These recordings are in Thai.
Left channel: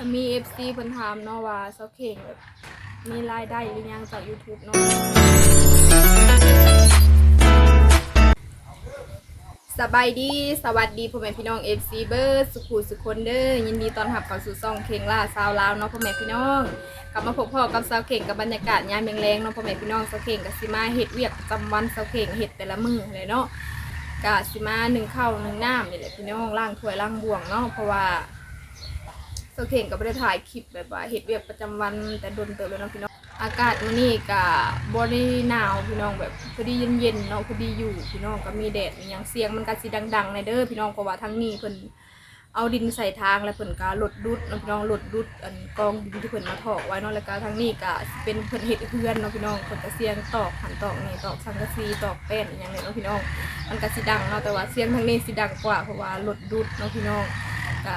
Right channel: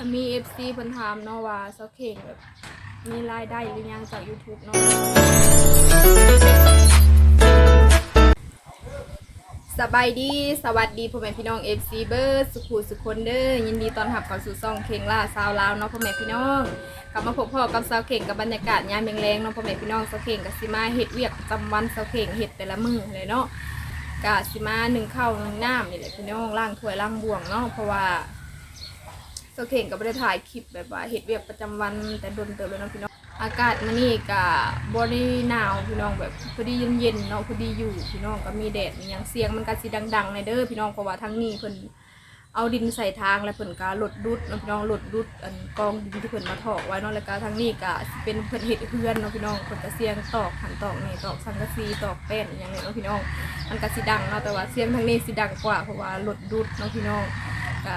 ก็มี FC เพิ่นถามเนาะว่าเซาเข่งแบบมีรายได้หรือยังจาก YouTube เนาะสบายดีสวัสดีพ่อแม่พี่น้อง FC เบิร์ดสุขุสุคนเด้อยินดีต้อนรับเข้าสู่ซองเข่งล่าซาวลาวเนาะพ่อแม่พี่น้อง กลับมาพบพ่อกับสาวเข่งกับบรรยากาศยามแรงๆเนาะพ่อแม่พี่น้องสาวเข่งกับสิมาเฮ็ดเวียกประจำวันสาวเข่งเฮ็ดแต่ละมือเลยเนาะกะสิมาหนึ่งข้าวหนึ่งน้ำนี่แหละพี่น้องล้างถ้วยล้างบ่วงเนาะเพราะว่า โซเข่งก็ไม่ได้ถ่ายคลิปแบบว่าเห็ดเวียกประจำวันแต่โดนเติบแล้วเนาะพี่น้องอากาศมื้อนี้ก็บ่ได้หนาวพี่น้องแบบพอดีเย็นๆเนาะพอดีอยู่พี่น้องก็มีแดดมีหยังเสียงมันก็สิดังๆในเด้อพี่น้องเพราะว่าทั้งนี้เพิ่นเอาดินใส่ทางแล้วเพิ่นก็ลดดุดเนาะพี่น้องลดดุดอันกองดินที่เพิ่นมาถอกไว้เนาะแล้วก็ทั้งนี้ก็สิเป็นเพิ่นเฮ็ดเฮือนเนาะพี่น้องเพิ่นก็เสียงตอกหันตอกนี่ตอกสังกะสีตอกแป้นอหย่างนี้เนาะพี่น้อง มันก็สิดังเนาะแต่ว่าเสียงทางนี้สิดังกว่าเพราะว่าลดดุดเนาะพี่น้องก็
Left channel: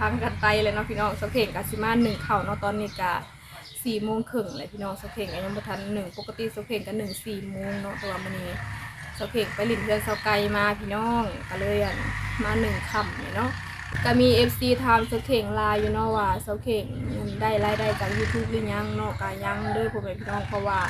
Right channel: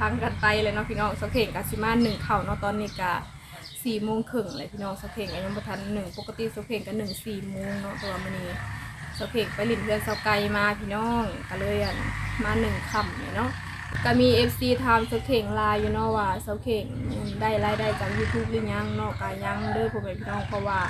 พังกันไปเลยเนาะพี่น้องสเข่งกับซิมาหนึ่งเข่าเนาะตอนนี้กะสี่โมงครึ่งเลยพี่น้องสเข่งก็ยังบ่ทันหนึ่งปกติสเข่งก็หนึ่งสี่โมงเนาะต่ว่ามื้อนี้สเข่งไปหลินเพื่อนเสาไกลมาพี่น้องก็เลยอันมาหนึ่งคำเนี่ยเนาะก็มี FC ถามสเข่งลายอยู่เนาะว่าสกเข่งมันได้รายได้จาก YouTube หรือยังเนาะก็ยังเด้อพ่อแม่พี่น้องเพราะว่า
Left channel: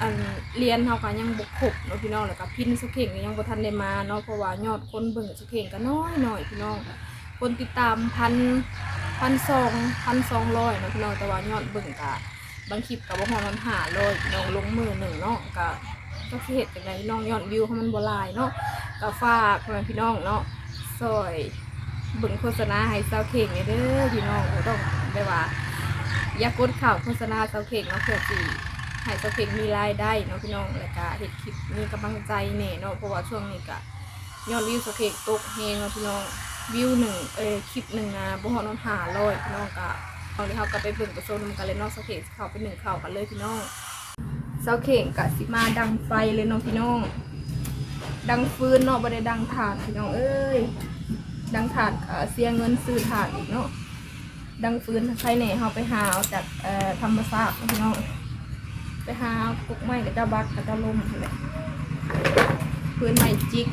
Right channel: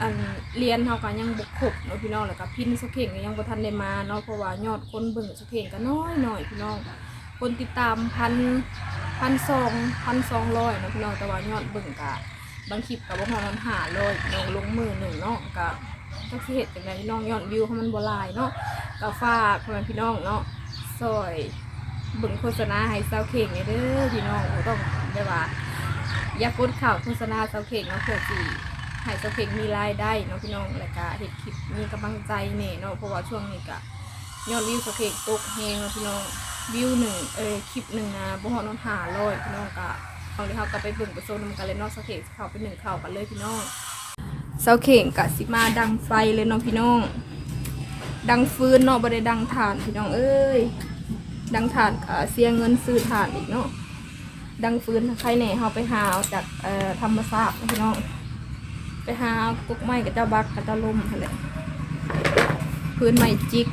อันเรียนเฮาก็ยังบ่ครบเนาะพี่น้องแล้วก็พินสเข่งยังบ่ทันได้มาเนาะเพราะว่ายอดคนเบิ่งสเข่งก็น้อยหน่อยพี่น้อง คนติดตามพันพันสองพันสองร้อยเนาะพี่น้องแต่ว่ายอดเบิ่งกะบางคลิปกับบ่ฮอดมันหาร้อยน้องลงมือหนึ่งเนาะกะก็สิเฮ็ดจังไดพี่น้องยอดวิวเขามันบ่ลายเนาะก็ฝากพ่อแม่พี่น้องเนาะซอยเบิ่งโฆษณาให้สาวเข่งเนี่ยเด้อพี่น้องโอ้ต้องได้ว่า อย่ากดข่าวโฆษณาสาวเข่งเนาะเพื่อสิให้สาวเข่งมีรายได้เนาะพี่น้องแล้วก็เฮ็ดคลิปมีกำลังใจแน่เนาะเพราะว่าช่วงนี้ก็ยอดวิวสาวเข่งตกแฮงเนาะพี่น้อง วิวหนึ่งเออคลิปหนึ่งนะบ่ฮอนอนหาร้อยพี่น้องกะเอาเลยเขาก็ไปเบิ่งไปโซนนกันเลยเนอกสเข่งเขาไปหนึ่งเข้ากันเลยพี่น้องเสาเข่งกะสิมาดังไฟเลยน้องพี่น้อง ดังฟืนเนาะบ่ได้ดังถ่านพี่น้องเอ้ยดังถ่านกะเสียเงินซื้อถ่านอีกเนาะดังฟืนภายในเขาไปหาเอาจากเอ่อธรรมศาสตร์พี่น้องไปหาพวกไม้กับเจ้าบักกับเจ้าลมอะไรพื้นไม้จิก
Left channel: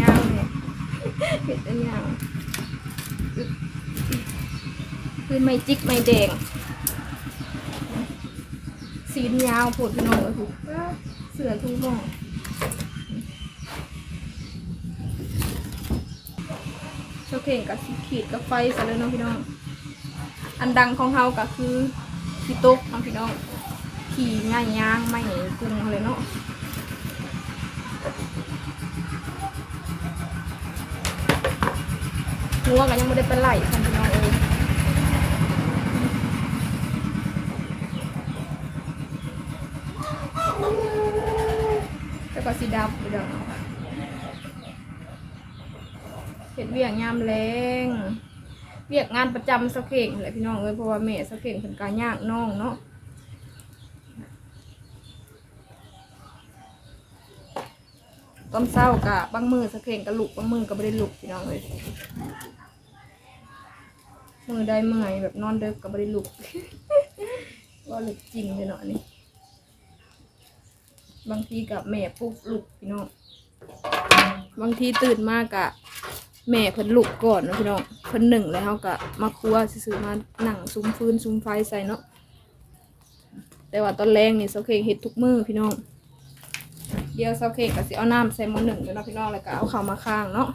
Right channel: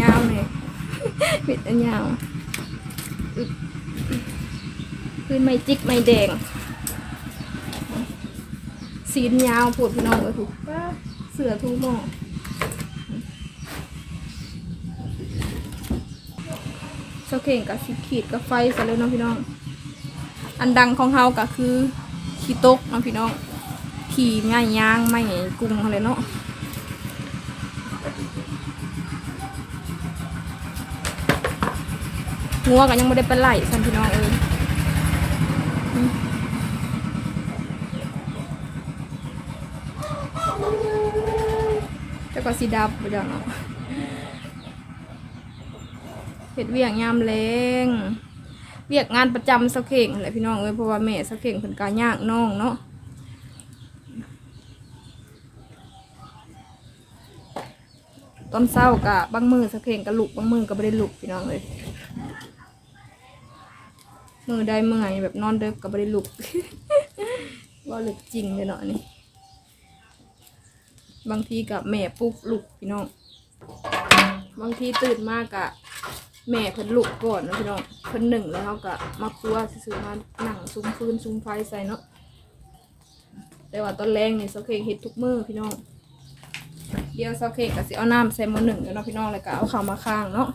ยาวเลย เห็ดอันยาวคือไม่จิกไม่แดงสีนยาวปวดพี่น้องเลยถูกป้าเสือทุกน้องเจ้าเข่งกับสีขีดกับไฟใส่แล้วเนาะพี่น้อง อันดังของเฮาก็คือขี้ตกเนาะพี่น้องขี่ง่ายย่างไม่กุ้งเลยเนาะ หัวกันยังไม่ได้เป็นไหลสันพี่น้องเอ้ยแต่ก็สีดับไปดังเห็ดเวียงยามแรงเวียกงานประจำสักเข่งแหละพี่น้องเอ้ยเพราะว่าแม่สักเข่งเป็นการยากน้องเนาะตอนเศร้ากะบางมือสักเข่งกะลุกบางมือก็ไม่ได้ลุกพี่น้องเลย มือได้เมื่อยแบบนอนเด็กกับบริลุกว่าเลึกจริงเลยเนาะนี่บางทีกับแม่ปลุกลุกพี่น้องบางทีตื่นมากกะแม่เพิ่นลุกก่อนนะพี่น้องเพิ่นหนึ่งแล้วเขากะมาครัวซื้อมาหนังซุ้มฟืนซุ้มไฟใส่เนาะแต่ว่าตอนแรงนี่โซเคเฮ็ดทุกมือพี่น้องเดี๋ยวโซเคก็สิเอาน้ำใส่ม้อหนึ่งแล้วเนาะพี่น้องแล้วก็เอาข้าวมาข้างเนาะ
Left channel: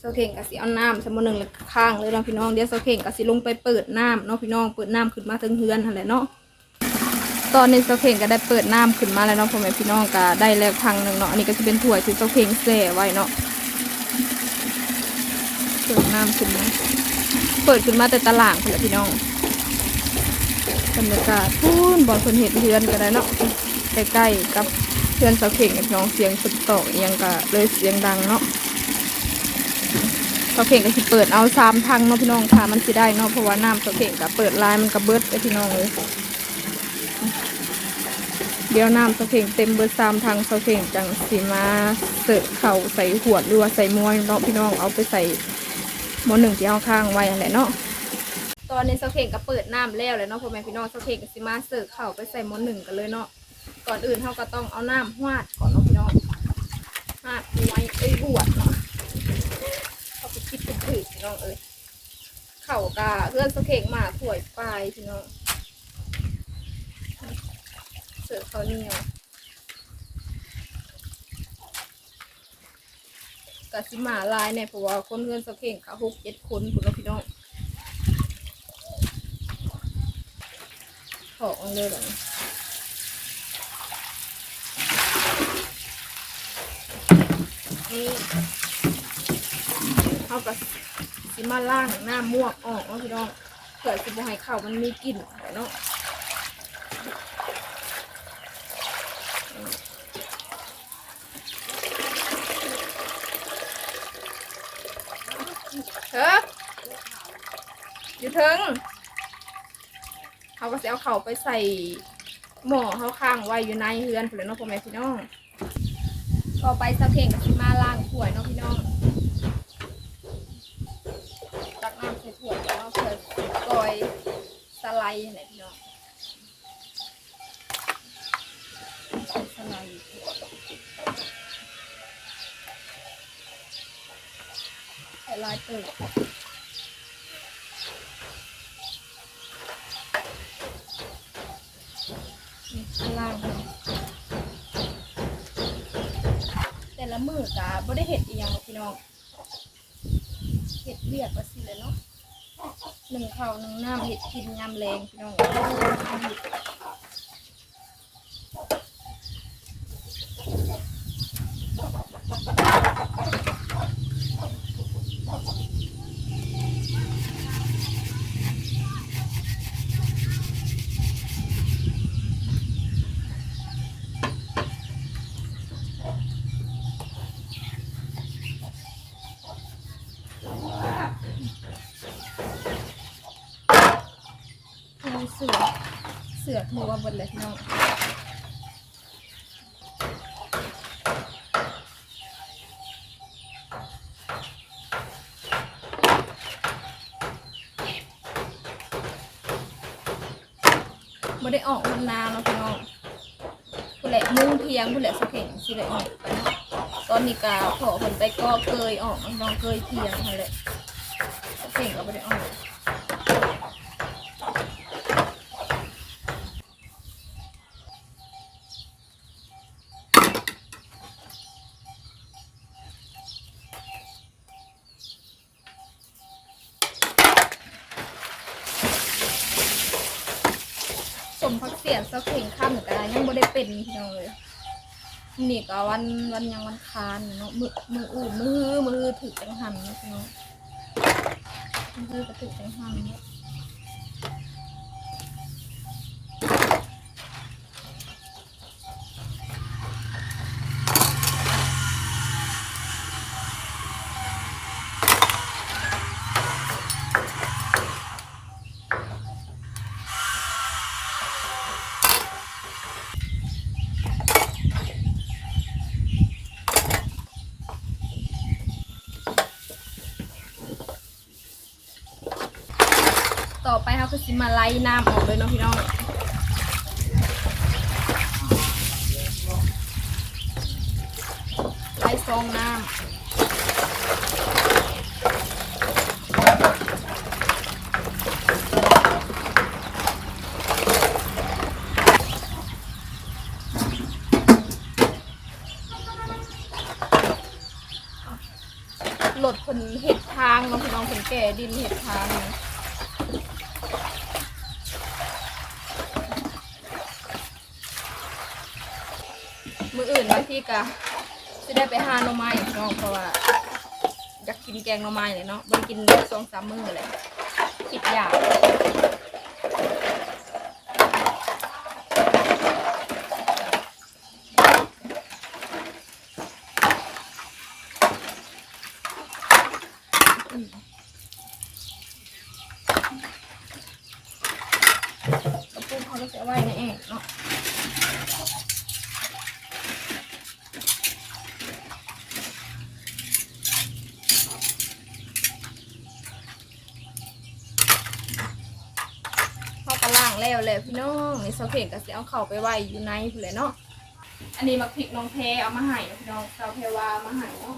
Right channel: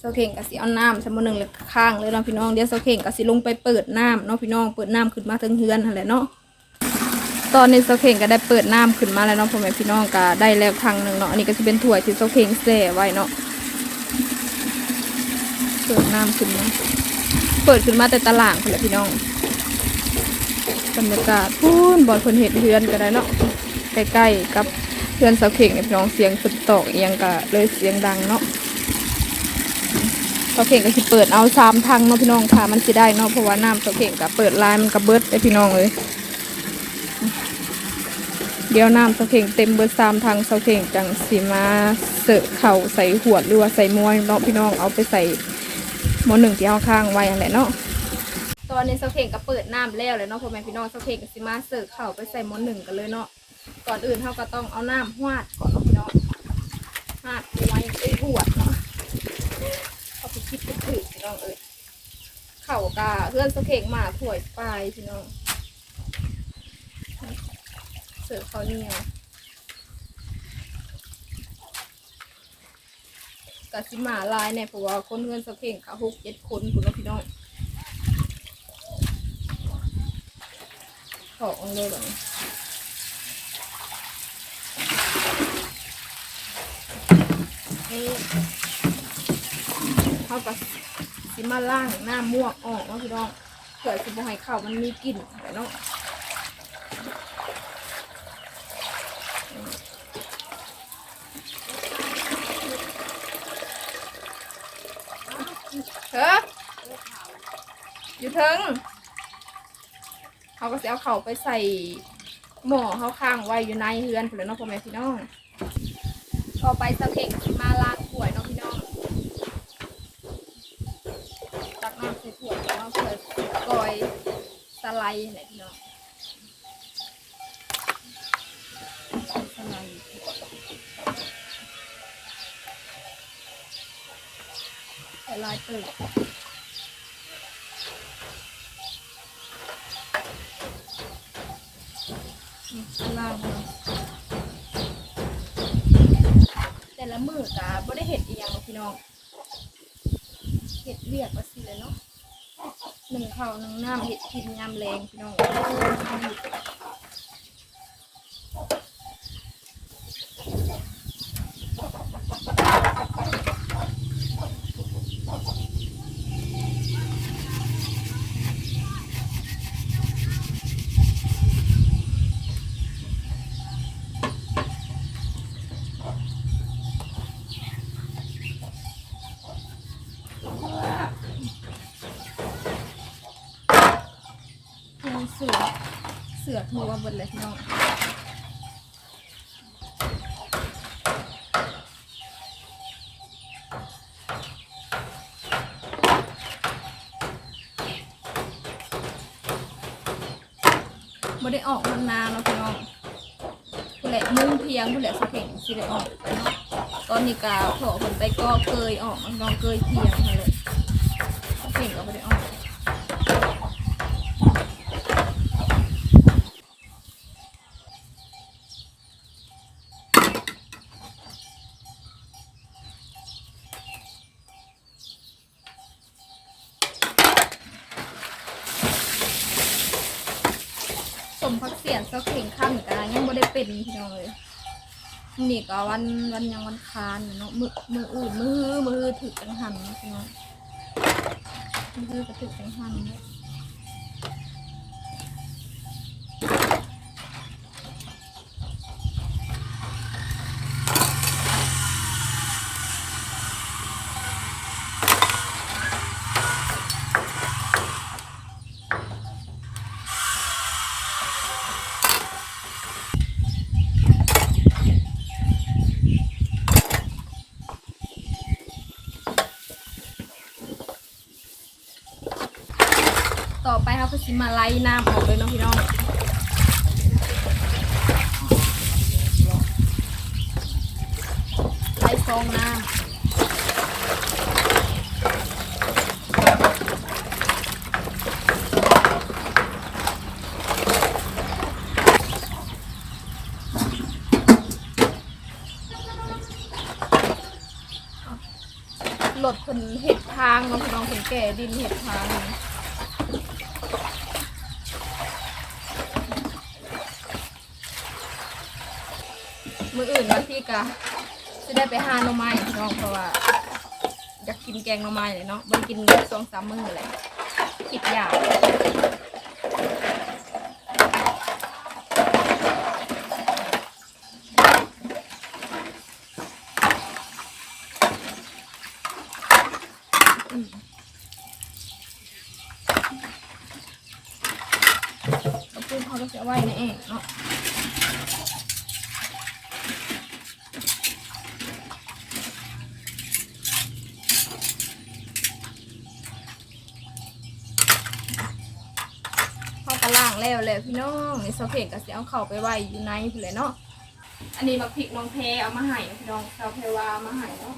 เสาเข่งกับสิเอาน้ำสมอหนึ่งเลยข้างเลยเนาะพี่น้องเดี๋ยวเสาเข่งกับสิลงไปเปิดน้ำเนาะพี่น้องเปิดน้ำขึ้นมาถึงเฮือนอะไรเนาะตอนนี้เสาเข่งก็ได้เปิดน้ำขึ้นมาแล้วเนาะพ่อแม่พี่น้องก็ได้แล้วทางหนึ่งเนาะอันนี้ก็จะเป็นถ้วยที่เสาเข่งแส่ไว้เนาะเปิดน้ำขึ้นมาเปิดขึ้นมาแต่ตะล่างคนละพี่น้องบรรยากาศพูนบอลคนเห็ดเฮือนก็ได้เนาะใกล้ๆกับเฮือนเสาเข่งพี่น้องเสียงฝนตกอิหยังก็เลยเสียงดังเนาะ เสาเข่งก็สิเปิดเอาสามทางเนาะพี่น้องค่ะมันสิได้เนาะเพราะว่าน้ำเสาเข่งก็เปิดลายมันก็เบิดเลยพี่น้องเลยเดี๋ยวน้ำเสาเข่งเต็มเบิดสามทางเสาเข่งจังสีมาเสิร์ฟเข่าใส่ขวดหรือว่าใส่มวยเนาะพี่น้องเอาไปใส่หมอหนึ่งที่เอาข้างไว้อะไรเนาะตอนนี้เสาเข่งก็เปิดน้ำแล้วเลยเนาะพ่อแม่พี่น้องเสาเข่งก็สิมาเสิร์ฟเข่าไปใส่หมอหนึ่งกันเลยเนาะก่อนอื่นเขาก็ต้องเอาน้ำหวาดก่อนเนาะพี่น้องหวาดไว้ไอ้หวดเนาะ เอาไปคิดไปเก ถือพี่น้องเอ้ยเข่ากาเพื่อนสะเข่งมาถวยปลายพี่น้องเสือเขาวเหนียวกะสิมาลายเนี่ยเพราะว่าคนเพื่อนสะเข่งเขาหกเจ็ดคนคุณพี่น้องขอองเลยแบบนี้นี่ เขาก็สิมาล่างหน้าม่วกออกเนาะพี่น้องเผื่อสิบให้ข้าวมันมีกลิ่นไปเนาะเถอะอยู่เทิงเขาก็จะเอาเข่าไปใส่หม้อเขาข้างไว้อยู่ในเฮือนเพื่อนเนาะพ่อแม่พี่น้อง ต่อไปสะเข่งสิมาล้างถ้วยเนาะพี่น้อง น้ำใส่ถ้วยแล้วเพื่อกอยสไลด์ไหนพี่น้องสไลด์ใส่ลายเติร์นี่ข้างล่างเนาะแต่ละมือกะบ่ได้เห็ดอีหยังหรอกพี่น้อง ห็ดเรียกว่าสิเลยเนาะหนึ่งข้าวหนึ่งน้ำเห็ดกินยำแรงพี่น้องทูเสือเสือทูว่าเบนเลยพี่น้องไม่ได้ออกมันนานเนาะพี่น้องผู้แหละมุ่งเพียงผู้แหละสะเพ่งสิได้ออกไปเนาะตอนนี้กาขอผลไปก็เกยออกน้องเกยเพียงเขาเลยสะเพ่งก็ไม่ได้ออก สมพักเสียนเสาเข่งข้ามกันยังบ่ได้เป็นพี่น้องเลยนี่ก็วันวันยังวันคานเนาะมือมืออื่นมือมือถือถือจังหันเนาะพี่น้องมือฮื้อก็ถือจังหันเนาะ ต่อไปเขาก็สิมาไล่น้ำออกเลยเนาะพี่น้องไล่ซองน้ำหลดคนเห็ดทางเนาะพี่น้องคนแก่ดินเห็ดทางนี่ มืออื่นบาง ทีก็จะได้ไปหาหน่อไม้พี่น้องเพราะว่าอยากกินแกงหน่อไม้เลยเนาะไม่ได้กินสองสามมื้อเลยคิดอยากกระปุกเขาต้องจะไว้ในเองเนาะ เข้ากระล่าง แล้วแหละพี่น้องนี่ซอสเผ็ดก็สิเอาเข้าไปไว้อยู่ในพุ่นเลยเนาะอันนี้มาพริกน้องแพเอามาให้เนาะพี่น้องซาวแพวาเอามาให้เนาะ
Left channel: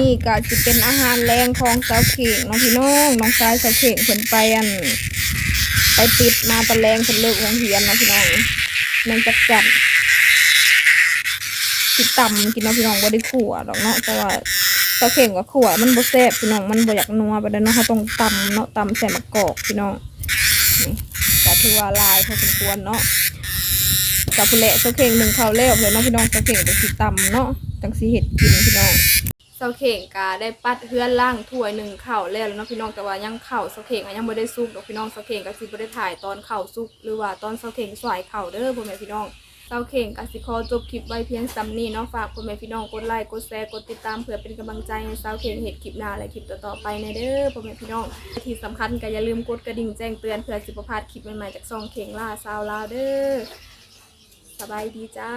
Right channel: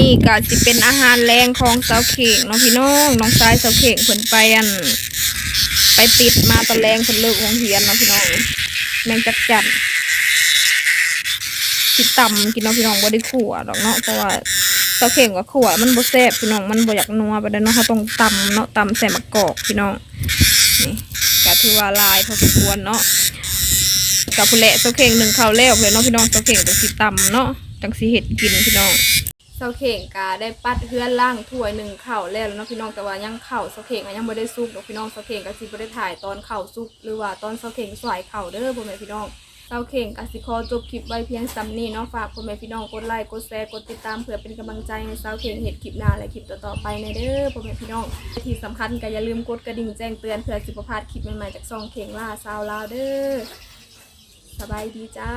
นี้ก็สิเป็นอาหารแรงของเสาเข่งเนาะพี่น้องน้องชายเสาเข่งเพิ่นไปอัน ไปปิดมาตะแรงเพิ่นเลิกโรงเรียนเนาะพี่น้องแมงจักจั่นสินต่ำกินเนาะพี่น้องบ่ได้ขั่วดอกเนาะเพราะว่าเสาเข่งกับขั่วมันบ่แซ่บพี่น้องมันบ่อยากนัวไปเด้อเนาะเขาต้องต่ำเนาะต่ำใส่มะกอกพี่น้องนี่ก็ถือว่าลายพอสมควรเนาะกับผู้เละเสาเข่งหนึ่งข้าวแล้วเพื่อนเนาะพี่น้องเสาเข่งจังสีต่ำเนาะจังสีเห็ดกินพี่น้อง เสาเข่งกาได้ปัดเฮือนล่างถ้วยหนึ่งเข้าวแล้วเนาะพี่น้องแต่ว่ายังเข้าเสาเข่งอะยังไม่ได้ซุกดอกพี่น้องเสาเข่งก็สิบ่ได้ถ่ายตอนเข้าซุก หรือว่าตอนเสาเข่งสวยเข้าเด้อพ่อแม่พี่น้องเสาเข่งกสิขอจบคลิปไว้เพียงซ้ำนี้เนาะฝากพ่อแม่พี่น้องกดไลค์กดแชร์กดติดตามเพื่อเป็นกำลังใจให้เสาเข่งเห็ดคลิปหน้าและคลิปต่อๆไปในเด้อพ่อแม่พี่น้องที่สำคัญก็อย่าลืมกดกระดิ่งแจ้งเตือนเพื่อสิบพลาดคลิปใหม่ๆจากซองเข่งล่าซาวลาวเด้อสบายดีจ้า